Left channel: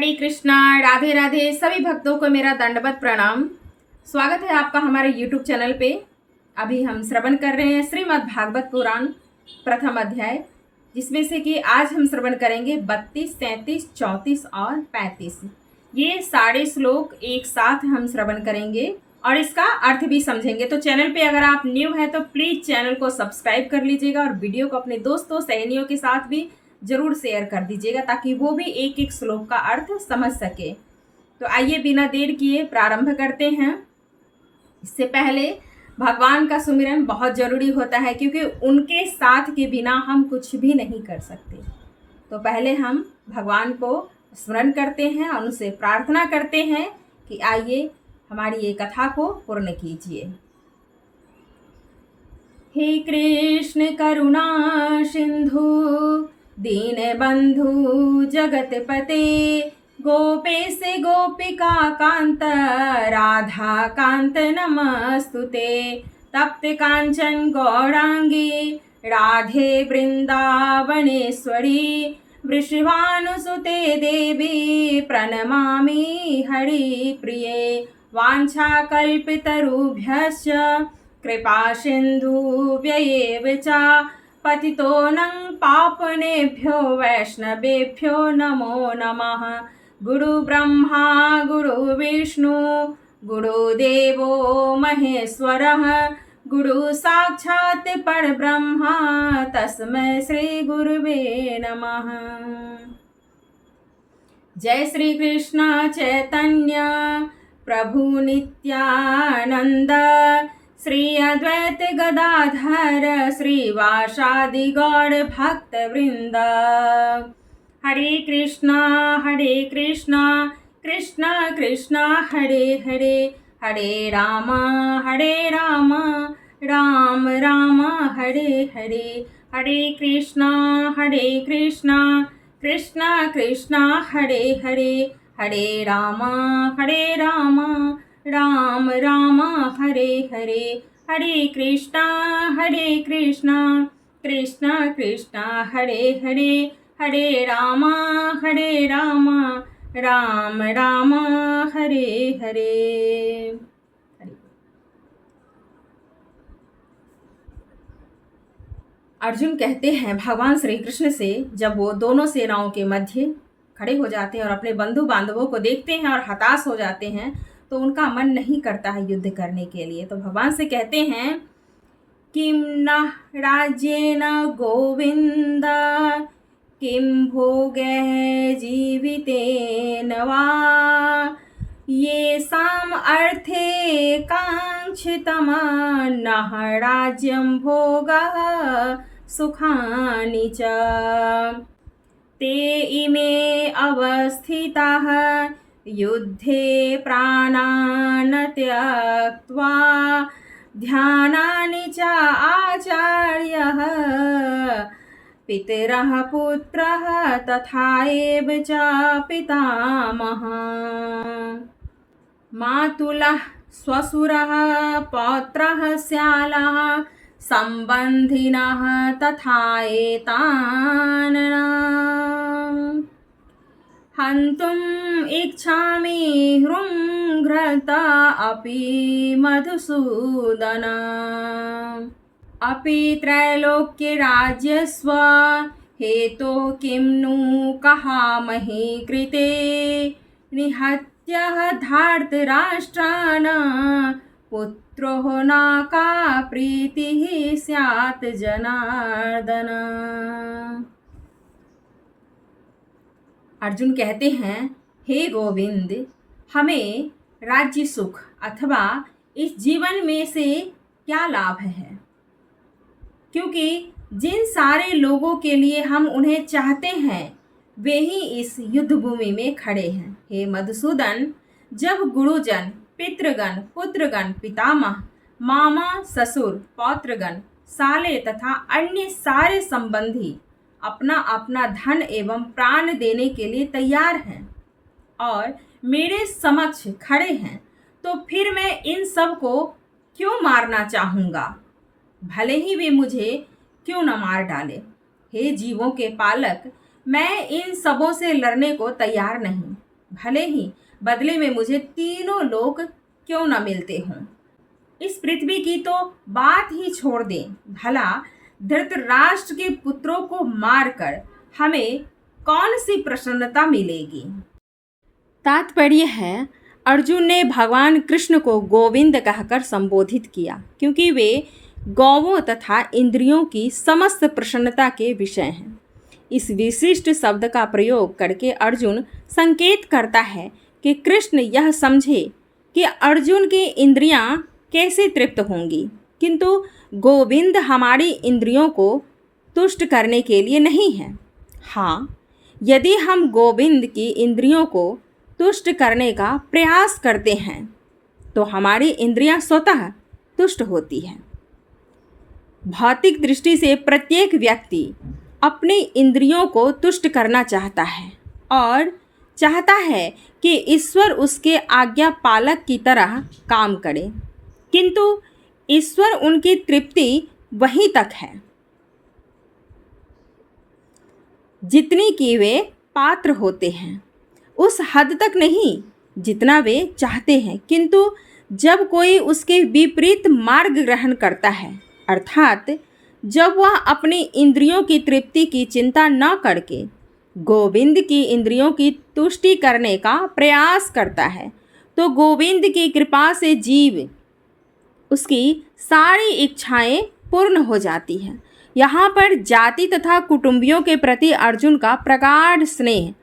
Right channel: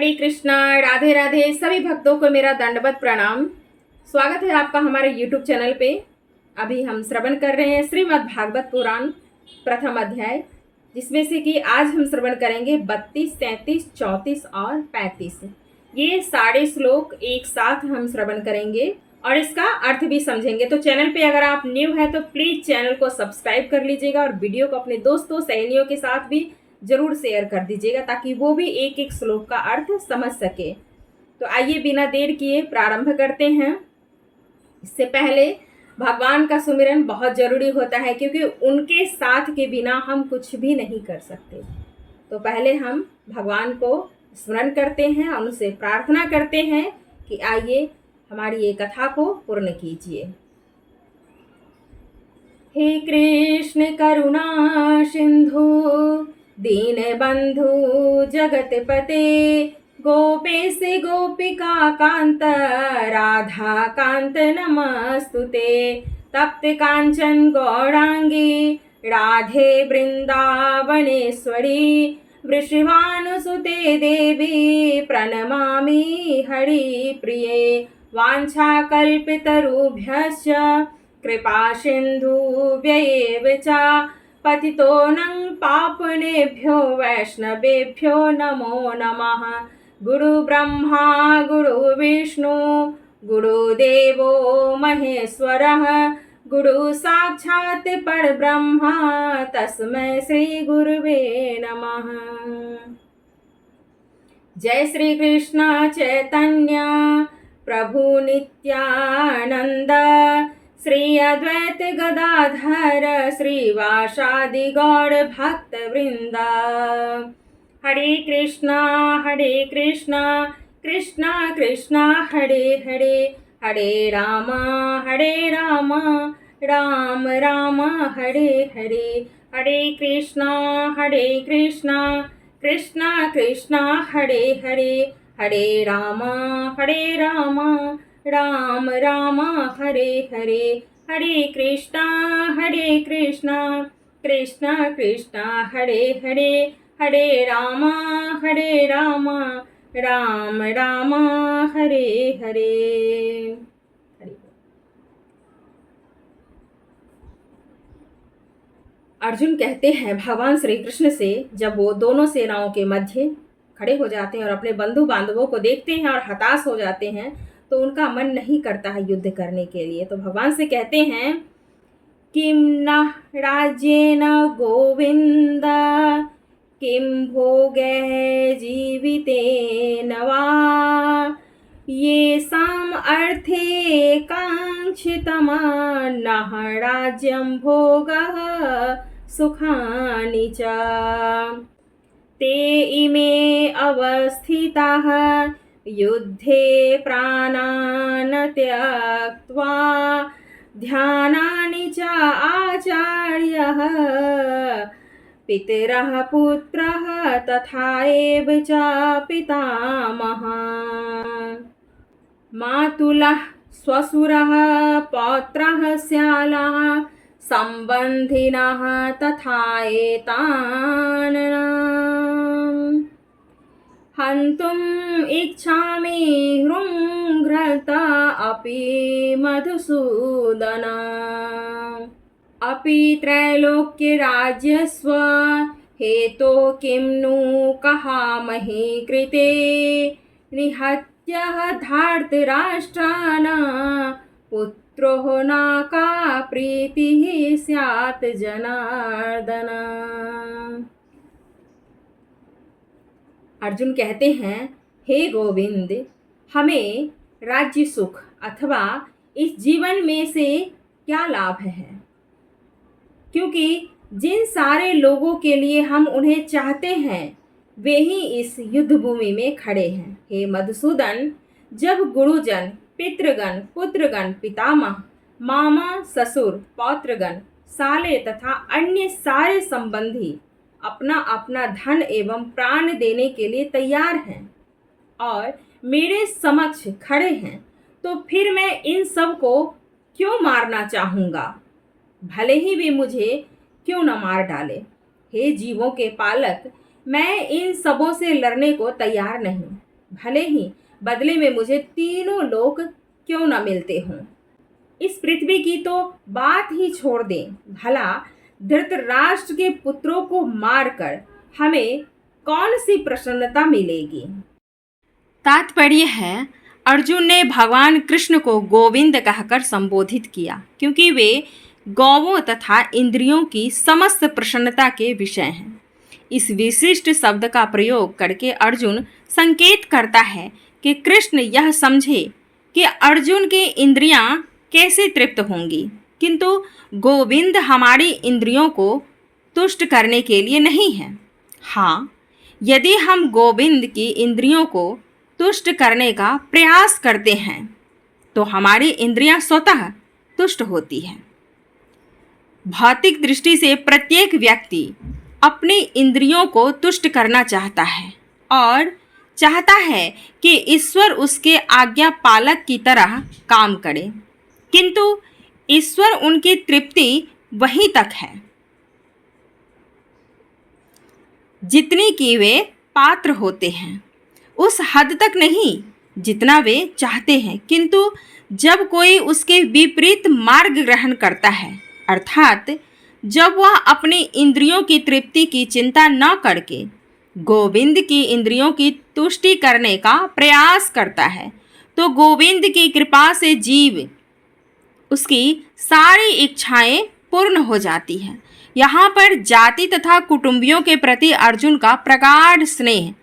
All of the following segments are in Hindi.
हरे कृष्णा, राधे राधे। सभी भक्तों को मेरा दंडवत प्रणाम। स्वागत है आपका हमारे YouTube चैनल पे। अभी हम श्रवण कर रहे हैं श्रीमद् भागवत पुराण प्रथम अध्याय, जिसमें से कि आज हम श्रवण करेंगे 32, 33, 34 और 35। ये सारे श्लोक एक साथ हम श्रवण करेंगे और इसका अर्थ भी समझेंगे। तो चैनल पे अगर आप न्यू हैं तो प्लीज़ चैनल को सब्सक्राइब कर लीजिएगा और वीडियो को अपने दोस्तों सहेलियों के साथ भी जरूर शेयर कर दीजिएगा ताकि वो भी एक एक श्लोक का अर्थ समझ सके। तो आइए बिना देर किए प्रारंभ करते हैं। इससे पहले भगवान का सुमिरन बहुत ज़रूरी होता है, क्योंकि उनके साथ के बिना हम कुछ भी नहीं कर सकते। तो पहले हम भगवान को स्मरण करते हैं और उनसे प्रार्थना करते हैं कि आइए हमारी ये कथा को पूर्ण कीजिए। हे कृष्ण करुणा सिंधु दीन बंधु जगतपते, गोपेश गोपिका कांत राधा कांत नमस्तुते। तप्त कांचन गौरांगी राधे वृंदावनेश्वरी, वृषभानुसुते देवी प्रणमामि हरिप्रिये। वाञ्छाकल्पितरुभ्यश्च कृपा सिन्धुभ्यैव च पतितोऽनं पावनेभ्यो वैष्णवेभ्यो नमो नमः। गुरुब्रह्मा गुरुविष्णु गुरुदेवो महेश्वरः, गुरु साक्षात् परब्रह्म तस्मै श्री गुरुवे नमः। जय श्री कृष्ण चैतन्य प्रभु नित्यानंद, श्री अद्वैत गदाधर श्रीवासादि गौर भक्त वृंद। हरे कृष्णा कृष्णा कृष्णा हरे हरे, हरे राम राम राम हरे हरे। हरे कृष्णा कृष्णा कृष्णा हरे हरे, हरे राम राम हरे हरे। हरे कृष्णा कृष्णा कृष्णा हरे हरे, हरे राम राम हरे हरे। अर्जुन कहते हैं भगवान श्री कृष्ण से, जब वो दोनों सेनाओं के मध्य खड़े हो जाते हैं और अपने बंधु बांधवों को देखते हैं और हताश हो जाते हैं, तो उनका मन नहीं करता है युद्ध करने के लिए। तो भगवान से कहते हैं किम न राज्येन गोविंद, किम भोगैः जीवितेन वा, ये साम अर्थे कांक्षितमा नः राज्यं भोगः सुखानि च। ते इमे अवस्थिताः युद्धे प्राणान् त्यक्त्वा, ध्यानानि च आचार्यः पितरः पुत्रः तथा एव च पितामहः। मातुलः स्वसुरः पौत्रः स्यालः सम्बन्धिनः तथा एतान् हन्तुम् इच्छामि हृङ्घ्रता अपि मधुसूदन। अपि त्रैलोक्यराज्यस्व हेतो किं नु कहामहे कृते, निहत्य धार्तराष्ट्रान् पुत्रो न का प्रीतिः स्यात् जनार्दन। अर्जुन कहते हैं, हे गोविंद, हमें राज्य सुख अथवा इस जीवन में से क्या लाभ है, क्योंकि जिन सारे लोगों के लिए हम उन्हें चाहते हैं वे ही इस युद्ध भूमि में खड़े हैं। हे मधुसूदन, जब गुरुजन, पितृगण, पुत्रगण, पितामह, मामा, ससुर, पौत्रगण, साले तथा अन्य सारे संबंधी अपना अपना धन एवं प्राण देने के लिए तैयार हैं और मेरे समक्ष खड़े हैं, तो फिर मैं इन सब को क्यों मारना चाहूँगा, भले ही वे मुझे क्यों न मार डाले। हे जीवों के पालक, मैं इन सबों से लड़ने को तैयार नहीं। भले ही बदले में मुझे तीनों लोक क्यों न मिलते हों। इस पृथ्वी की तो बात ही छोड़ दें, भला धृतराष्ट्र के पुत्रों को मारकर हमें कौन सी प्रसन्नता मिलेगी। तात्पर्य है, अर्जुन ने भगवान कृष्ण को गोविंद कहकर संबोधित किया क्योंकि वे गौवों तथा इंद्रियों की समस्त प्रसन्नता के विषय हैं। इस विशिष्ट शब्द का प्रयोग करके अर्जुन संकेत करता है कि कृष्ण यह समझे कि अर्जुन की इंद्रियां कैसे तृप्त होंगी, किंतु गोविंद हमारी इंद्रियों को तुष्ट करने के लिए नहीं है। हाँ, यदि हम गोविंद की इंद्रियों को तुष्ट करने का प्रयास करते हैं तो हमारी इंद्रियां स्वतः तुष्ट होती हैं। भौतिक दृष्टि से प्रत्येक व्यक्ति अपनी इंद्रियों को तुष्ट करना चाहता है और चाहता है कि ईश्वर उसके आज्ञा पालक की तरह काम करे, किंतु ईश्वर उनकी तृप्ति वहीं तक है जितनी कि वे पात्र होते हैं, उस हद तक नहीं जितना वे चाहते हैं। किंतु जब कोई उसके विपरीत मार्ग ग्रहण करता है, अर्थात जब वह अपनी इंद्रियों की तृप्ति की चिंता न करके गोविंद की इंद्रियों की तुष्टि करने का प्रयास करता है, तो गोविंद की कृपा से जीव उसकी सारी इच्छाएं पूर्ण हो जाती हैं। यहाँ पर जाति तथा कुटुंबियों के प्रति अर्जुन का प्रगाढ़ स्नेह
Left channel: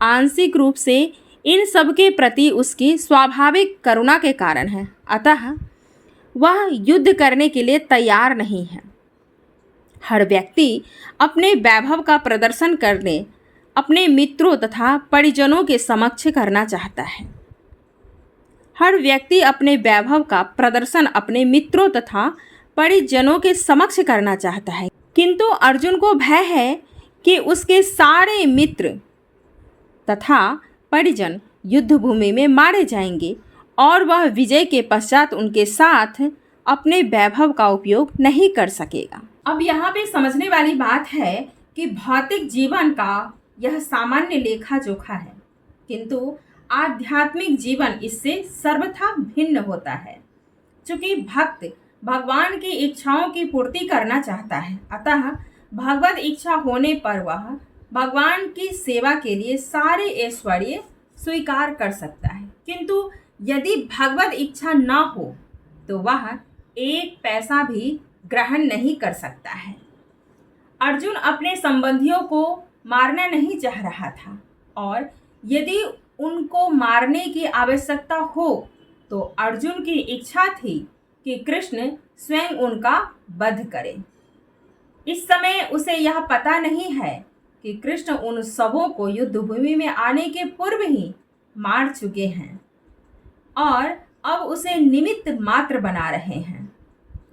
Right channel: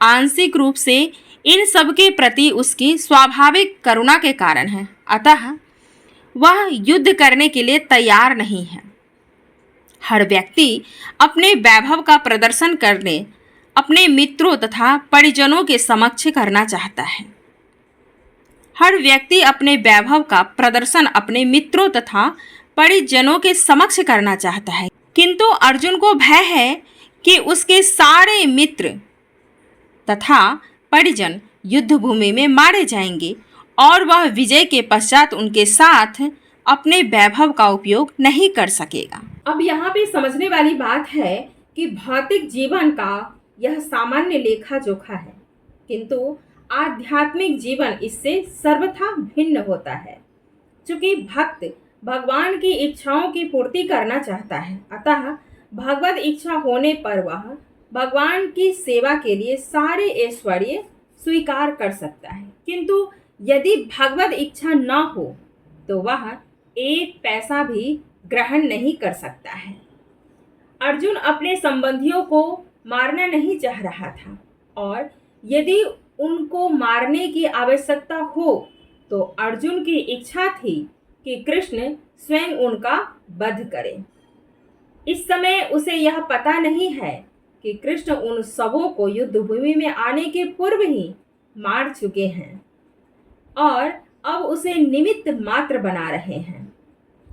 आंशिक रूप से इन सब के प्रति उसकी स्वाभाविक करुणा के कारण है, अतः वह युद्ध करने के लिए तैयार नहीं है। हर व्यक्ति अपने वैभव का प्रदर्शन करने अपने मित्रों तथा परिजनों के समक्ष करना चाहता है। हर व्यक्ति अपने वैभव का प्रदर्शन अपने मित्रों तथा परिजनों के समक्ष करना चाहता है, किंतु अर्जुन को भय है कि उसके सारे मित्र तथा परिजन युद्ध भूमि में मारे जाएंगे और वह विजय के पश्चात उनके साथ अपने वैभव का उपयोग नहीं कर सकेगा। अब यहाँ पे समझने वाली बात है कि भौतिक जीवन का यह सामान्य लेखा जोखा है, किंतु आध्यात्मिक जीवन इससे सर्वथा भिन्न होता है। चूँकि भक्त भगवान की इच्छाओं की पूर्ति करना चाहता है, अतः भगवत इच्छा होने पर वह भगवान की सेवा के लिए सारे ऐश्वर्य स्वीकार कर सकता है, किंतु यदि भगवत इच्छा न हो तो वह एक पैसा भी ग्रहण नहीं कर सकता है। अर्जुन अपने संबंधियों को मारना नहीं चाह रहा था, और यदि उनको मारने की आवश्यकता हो तो अर्जुन की इच्छा थी कि कृष्ण स्वयं उनका वध करे। इस समय उसे यह पता नहीं है कि कृष्ण उन सबों को युद्ध भूमि में आने के पूर्व ही मार चुके हैं और अब उसे निमित्त मात्र बना रहे हैं।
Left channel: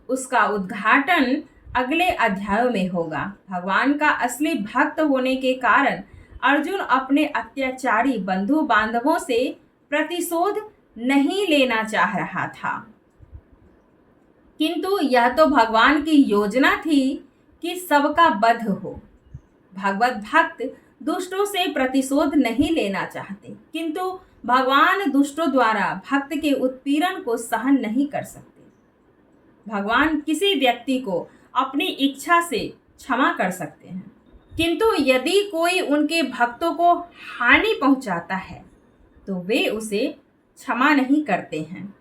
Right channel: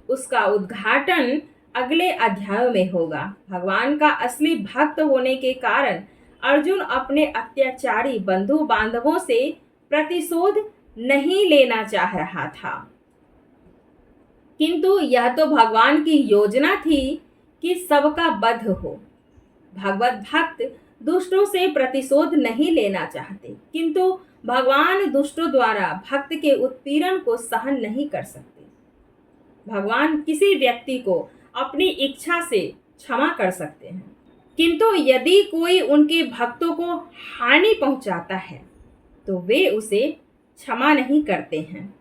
उसका उद्घाटन अगले अध्यायों में होगा। भगवान का असली भक्त होने के कारण अर्जुन अपने अत्याचारी बंधु बांधवों से प्रतिशोध नहीं लेना चाह रहा था, किंतु यह तो भगवान की योजना थी कि सबका वध हो। भगवत भक्त दुष्टों से प्रतिशोध नहीं लेना चाहते, किंतु भगवान दुष्टों द्वारा भक्त के उत्पीड़न को सहन नहीं कर सकते। भगवान किसी व्यक्ति को अपनी इच्छा से क्षमा कर सकते हैं, किंतु यदि कोई उनके भक्तों को हानि पहुंचाता है तो वे उसे क्षमा नहीं करते हैं।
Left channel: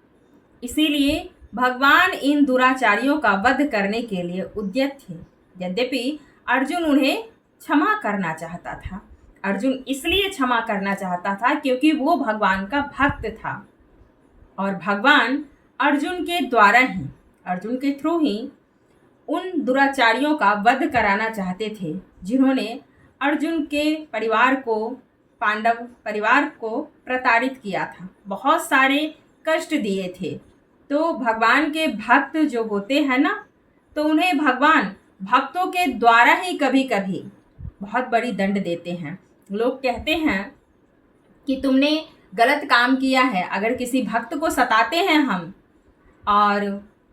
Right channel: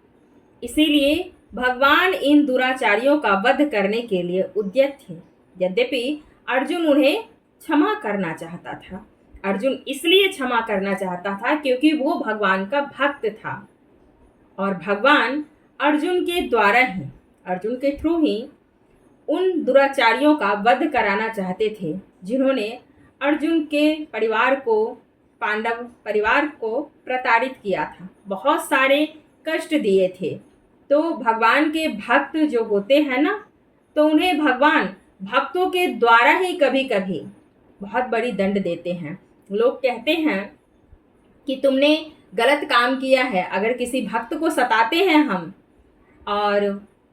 इसीलिए भगवान इन दुराचारियों का वध करने के लिए उद्यत थे। यद्यपि अर्जुन उन्हें क्षमा करना चाहता था। अर्जुन इसलिए क्षमा करना चाहता था क्योंकि वो भगवान का भक्त था, और भगवान अर्जुन के द्वारा ही, अर्जुन के थ्रू ही उन दुराचारियों का वध कराना चाहते थे जिन्होंने अर्जुन के परिवार को, पांडव परिवार को प्रताड़ित किया था, बहुत सारे कष्ट दिए थे। तो भगवान के भक्त जो होते हैं ना, तो उन्हें भगवान भक्तों के द्वारा ही कभी कभी बहुत बड़ी दंड देते हैं। लोग कहते हैं कि तुमने गलत काम किया है। अगर किसी भक्त को सताते हैं हम और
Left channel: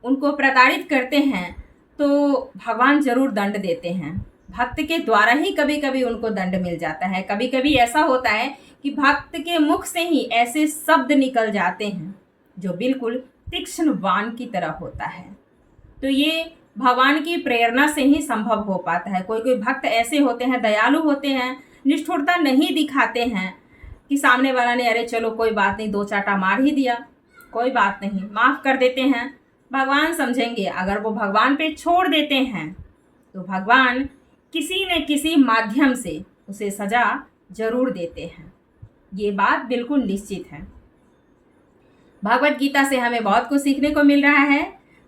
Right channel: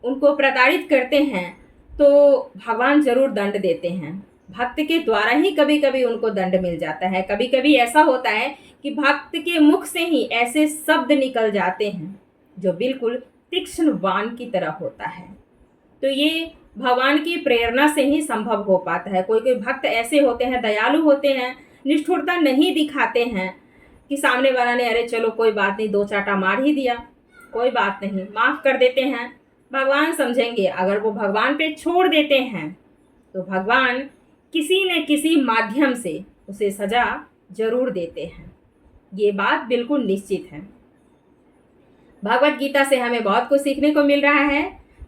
उनको प्रताड़ित करते हैं तो भगवान ज़रूर दंड देते हैं। भक्त के द्वारा ही कभी कभी उनको दंड मिल जाता है। कभी कभी ऐसा होता है कि भक्त के मुख से ही ऐसे शब्द निकल जाते हैं जो बिल्कुल तीक्ष्ण बाण की तरह होता है। तो ये भगवान की प्रेरणा से ही संभव हो पाता है। कोई कोई भक्त ऐसे होते हैं, दयालु होते हैं, निष्ठुरता नहीं दिखाते हैं कि सामने वाला ने अरे चलो कोई बात नहीं, दो चाटा मार ही दिया, कोई बात नहीं, माफ़ कर देते हैं, भगवान समझेंगे। अगर वो भगवान पे छोड़ देते हैं तो भगवान किसी न किसी माध्यम से उसे सज़ा जरूर देते हैं। ये बात बिल्कुल निश्चित है। भगवत गीता से हमें बहुत कुछ सीखने को मिल रहा है।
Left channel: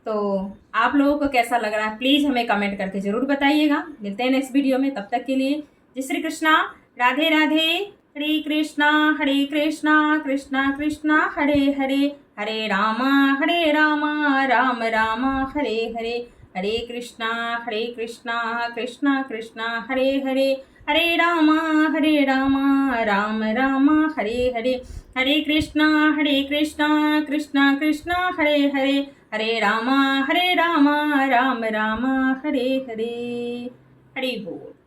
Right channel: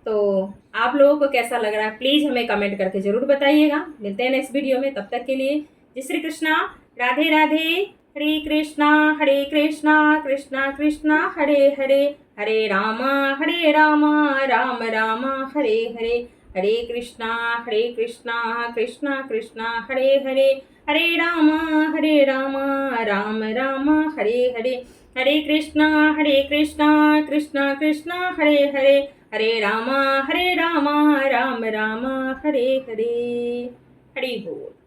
तो आप लोगों को कैसा लग रहा है प्लीज़ हमें कमेंट करके ज़रूर बताइएगा। मिलते हैं नेक्स्ट वीडियो में, तब तक के लिए जय श्री कृष्णा, राधे राधे, हरे कृष्णा कृष्णा कृष्णा हरे हरे, हरे रामा राम राम हरे हरे, हरे कृष्णा कृष्णा कृष्णा हरे हरे, हरे रामा राम राम हरे हरे, हरे कृष्णा कृष्णा कृष्णा हरे हरे, हरे रामा राम राम हरे हरे। हरि बोल।